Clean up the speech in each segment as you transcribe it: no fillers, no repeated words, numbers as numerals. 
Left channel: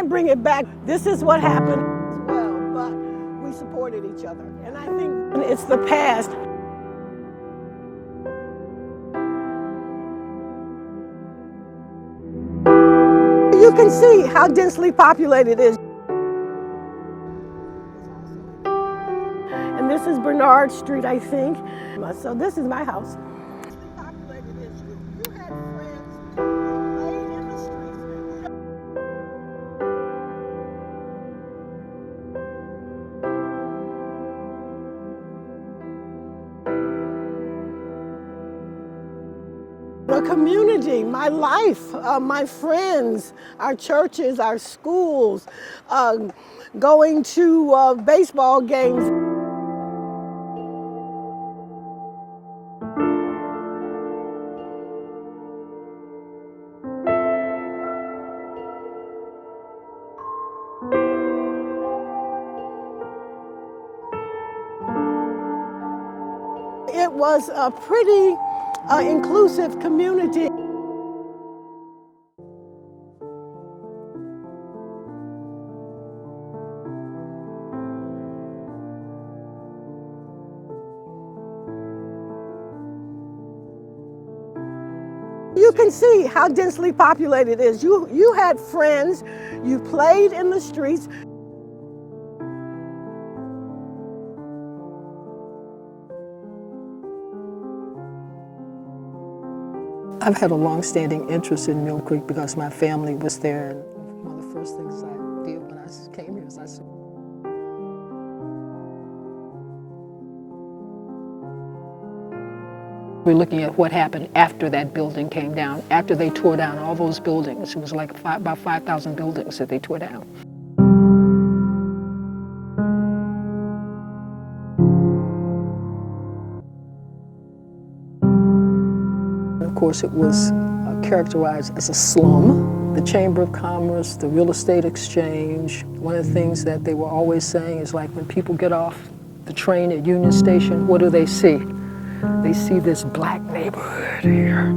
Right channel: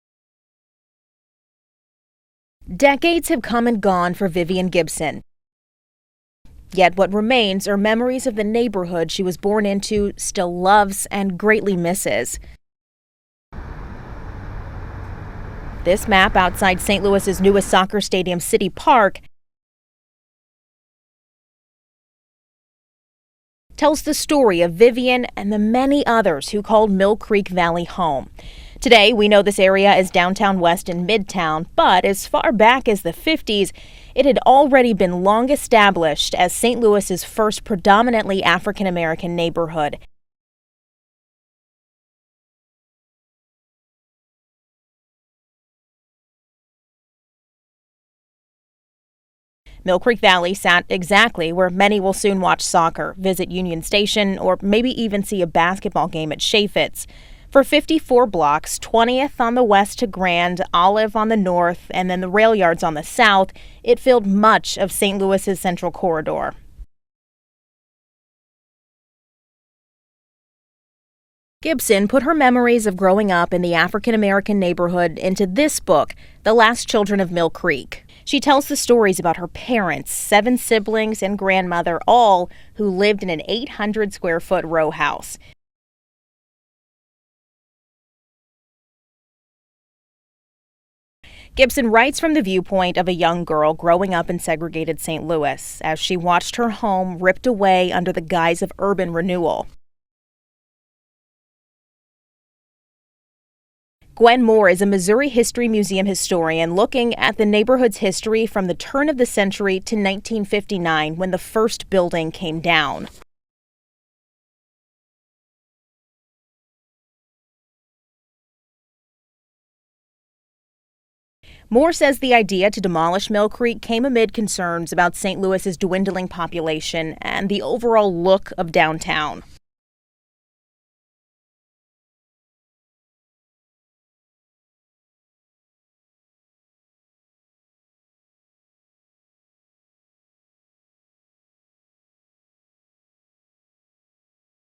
can't bring it back. This is what happened. Decades have come and gone for Vivian Gibson. It's the past. Yet what remains are memories of the neighborhood she was born into, still loves, and greatly misses. You can see how densely populated it is. This map outside St. Louis's newest soccer stadium, City Park, and this is Bernard Street, I think. So this is my house. Tells the story of Vivian and the many others who called Mill Creek Valley home. Today, we know this area is downtown West and Midtown, but as far back as the 50s, it had already been long established as St. Louis's first predominantly African-American neighborhood. The community, my life, my friends, our churches, our schools, going to baseball games. Mill Creek Valley sat exactly where many will soon watch soccer, visit Union Station, or maybe even see a basketball game at Chaffetz. For 54 blocks, 20th on the west to Grand, Olive on the north, and then the rail yards on the south, it filled much of St. Louis's central corridor. It was a pretty inclusive community. Gibson put her memories of growing up in the African-American neighborhood into this book, The Last Children of Mill Creek. She tells the stories about her parents, 7 siblings, and grandmother, all who lived in an 800-square-foot row house. You can see how densely populated it is. You had friends, you played in the streets. Gibson writes from the viewpoint of a young girl growing up in segregated St. Louis as she watched her home ripped away under the guise of urban renewal. I've had a long-standing interest in Mill Creek because my family was there. Gwen Moore is a Missouri History Museum historian looking at the neighborhood's history from the turn of the century to 1959 when the first building came down. We're looking at what happened after that building came down, after they tore down all those buildings. It was like about 5,000 buildings that they tore down. Moore says the idea to demolish Mill Creek came amid concerns about St. Louis's dwindling population and the overall look of downtown. And of course, it was characterized as a slum. The Chamber of Commerce, the Real Estate Exchange, one of the things that they were always saying is like when people get off the train at Union Station, what do they see? They see this black neighborhood here.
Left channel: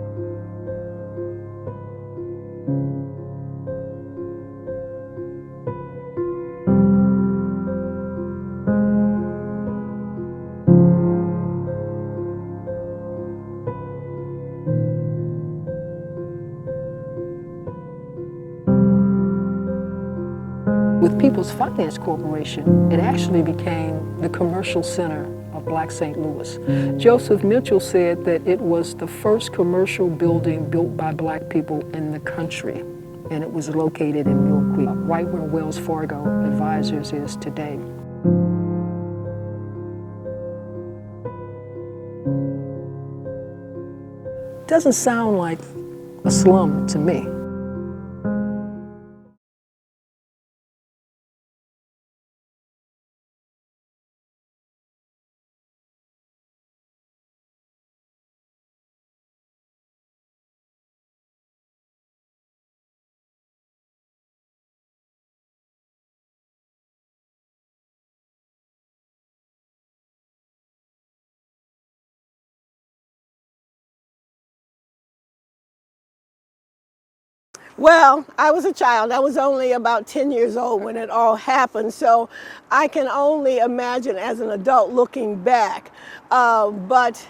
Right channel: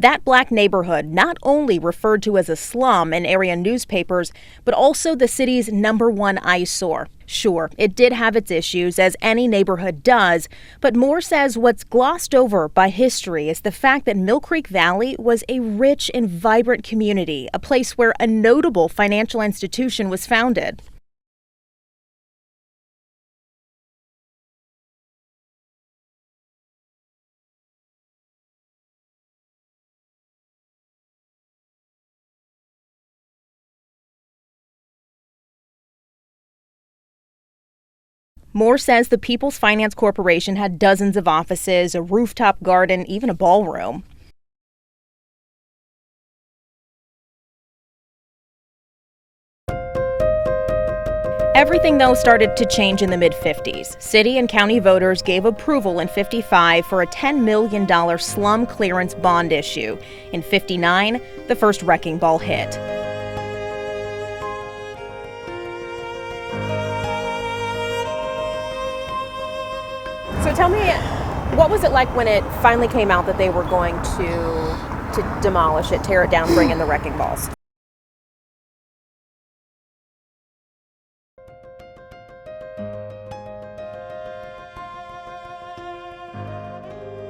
That black neighborhood not only referred to as a slum in area newspapers, but also the city's #1 eyesore. Sure, it did have its issues, as any neighborhood does, but Moore says what's glossed over by history is the fact that Mill Creek Valley was a rich and vibrant community, a place where a notable financial institution was founded. With People's Finance Corporation, it actually became the commercial center of Black St. Louis. Joseph Mitchell said that it was the first commercial building built by black people in the country, and it was located in Mill Creek, right where Wells Fargo Advisors is today. Moore says the People's Finance Corporation had dozens of offices, a rooftop garden, even a ballroom. Doesn't sound like a slum to me. Everything, though, started to change in the mid-50s. City and county voters gave approval in '55 for a $10 million slum clearance bond issue. In '59, the first wrecking ball hit. So tell me, what was it like when it finally came out that they were going to demolish it, tear it down, bring in the wrecking balls? Well, I was a child. I was only about 10 years old when it all happened, so I can only imagine as an adult looking back. But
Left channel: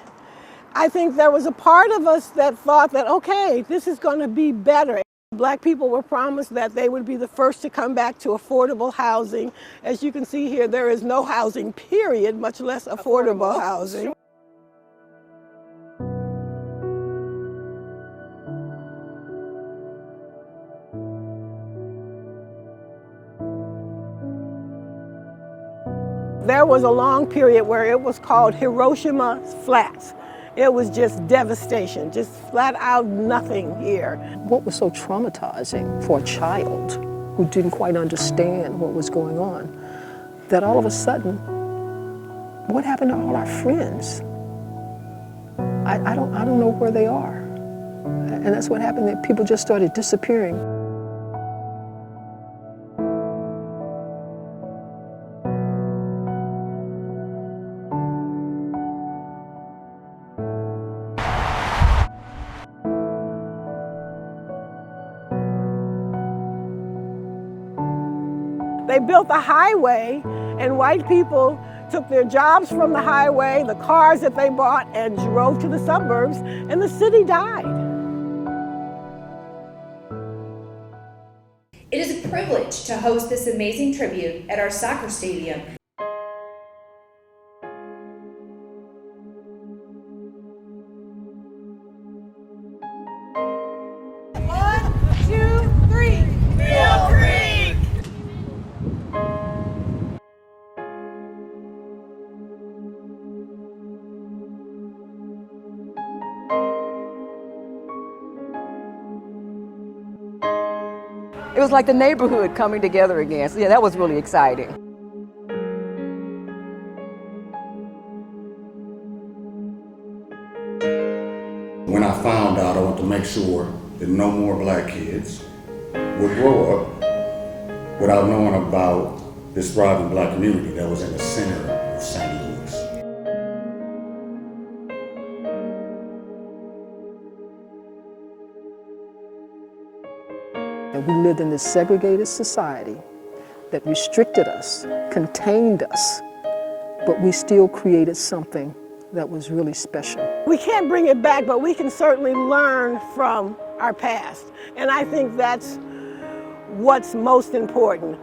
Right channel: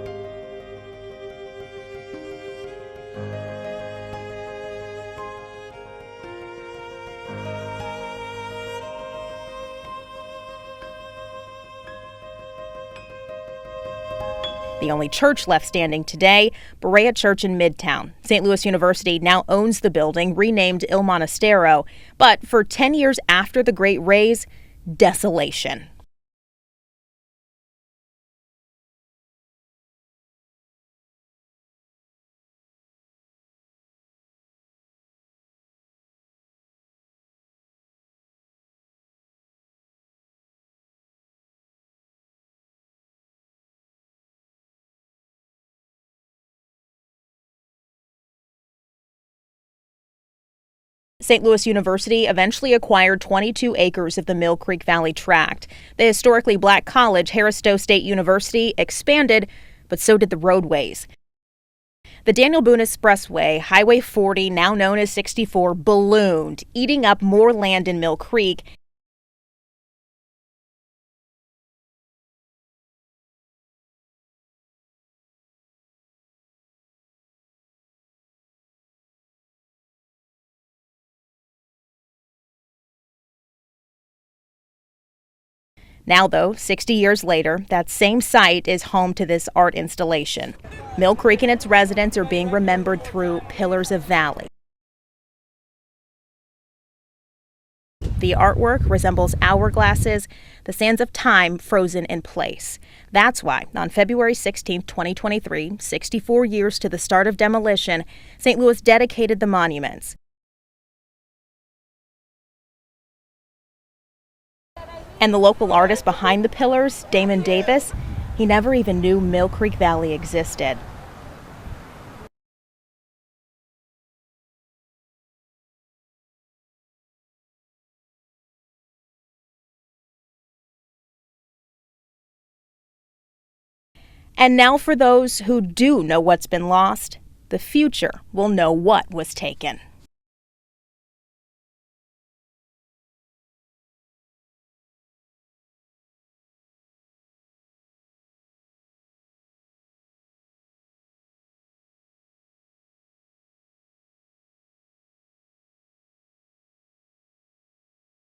I think there was a part of us that thought that, okay, this is going to be better. Black people were promised that they would be the first to come back to affordable housing. As you can see here, there is no housing, period, much less affordable housing. The only church left standing today, Berea Church in Midtown. St. Louis University now owns the building, renamed Il Monastero. But for 10 years after the Great Raise, desolation. There was a long period where it was called Hiroshima Flats. It was just devastation, just flat out nothing here. What was so traumatizing for a child who didn't quite understand what was going on, that all of a sudden, what happened to all our friends? I don't know where they are. And that's what happened, that people just started disappearing. St. Louis University eventually acquired 22 acres of the Mill Creek Valley tract. The historically black college, Harris Stowe State University, expanded, but so did the roadways. The Daniel Boone Expressway, Highway 40, now known as 64, ballooned, eating up more land in Mill Creek. They built the highway, and white people took their jobs from the highway, the cars that they bought, and drove to the suburbs, and the city died. It is a privilege to host this amazing tribute at our soccer stadium. Now, though, 60 years later, that same site is home to this art installation. Mill Creek and its residents are being remembered through Pillars of Valley. 1, 2, 3, Mill Creek! The artwork resembles hourglasses, the sands of time frozen in place. That's why, on February 16, 2023, 64 years to the start of demolition, St. Louis dedicated the monuments. It was like the neighborhood coming together again. So yeah, that was really exciting. And the local artist behind the pillars, Damon Davis, he never even knew Mill Creek Valley existed. When I found out, I wanted to make sure that no more black kids would grow up without knowing about this thriving black community that was in the center of St. Louis. And now for those who do know what's been lost, the future will know what was taken. And we lived in this segregated society that restricted us, contained us, but we still created something that was really special. We can't bring it back, but we can certainly learn from our past. And I think that's what's most important.